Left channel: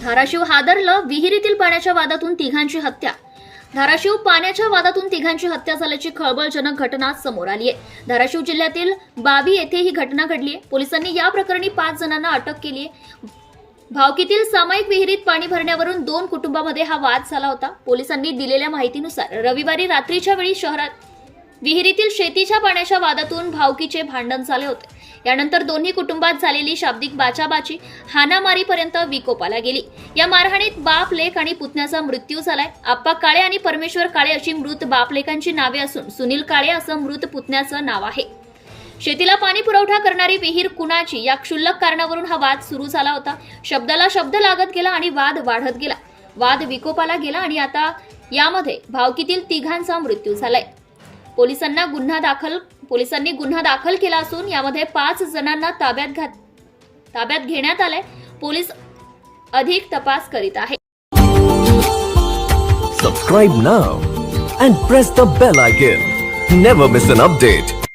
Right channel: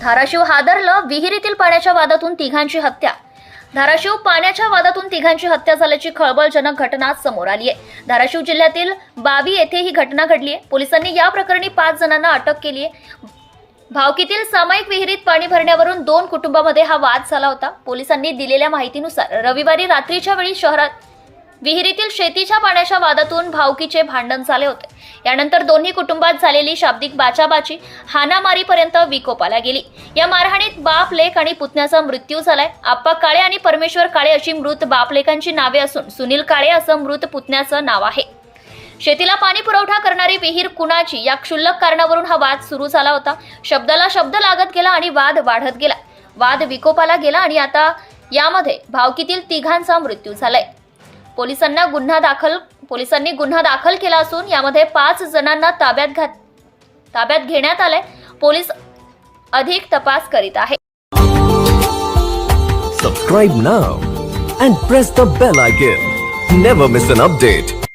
धाराशिव हादरलं विहिरीतील पाण्याच्या वादातून तिघांची हत्या. धाराशिव पाण्याच्या वादातून तिघांची हत्या झाल्याची खळबळजनक घटना समोर आली आहे धाराशिव जिल्ह्यातील बावी येथे ही घटना घडली आहे पोलिसांनी या प्रकरणी पाच जणांना अटक केली आहे भावकीतील सामायिक विहिरीत पाणी भरण्यावरून दोन कुटुंबामध्ये हा वाद झाला होता. पोलिसांनी दिलेल्या माहितीनुसार रविवारी रात्रीच्या वेळी शहरात विहिरीतील शेतीच्या पाण्याच्या वादातून भावकीचे भांडण झाले होते. यानंतर दोन्ही कुटुंबात झालेली शाब्दिक बाचाबाची हानामारीपर्यंत विकोपाला गेली. या मारहाणीत बाप लेख आणि पुतण्याचा मृत्यू झालाय. आप्पा काळे आणि परमेश्वर काळे अशी मृत बापलेखांची नावे असून सुनील काळे असं मृत पुतण्याचं नाव आहे. शेतीला पाणी पुरवठा करणारी विहीर कुणाची? या क्षुल्लक कारणावरून हा वाद सुरू झाला होता. शब्दाला शब्द लागत गेला आणि वाद वाढत गेला. वाद विकोपाला गेला आणि आता यामध्ये भावकीतील तिघांचा मृत्यू झालाय. पोलिसांना गुन्हा दाखल पोलिसांनी गुन्हा दाखल केला असून यामध्ये पाच जणांना ताब्यात घात ताब्यात घेण्यात आलंय. पोलीस अधिक तपास करीत आहे. Subscribe now and press the bell icon never miss an update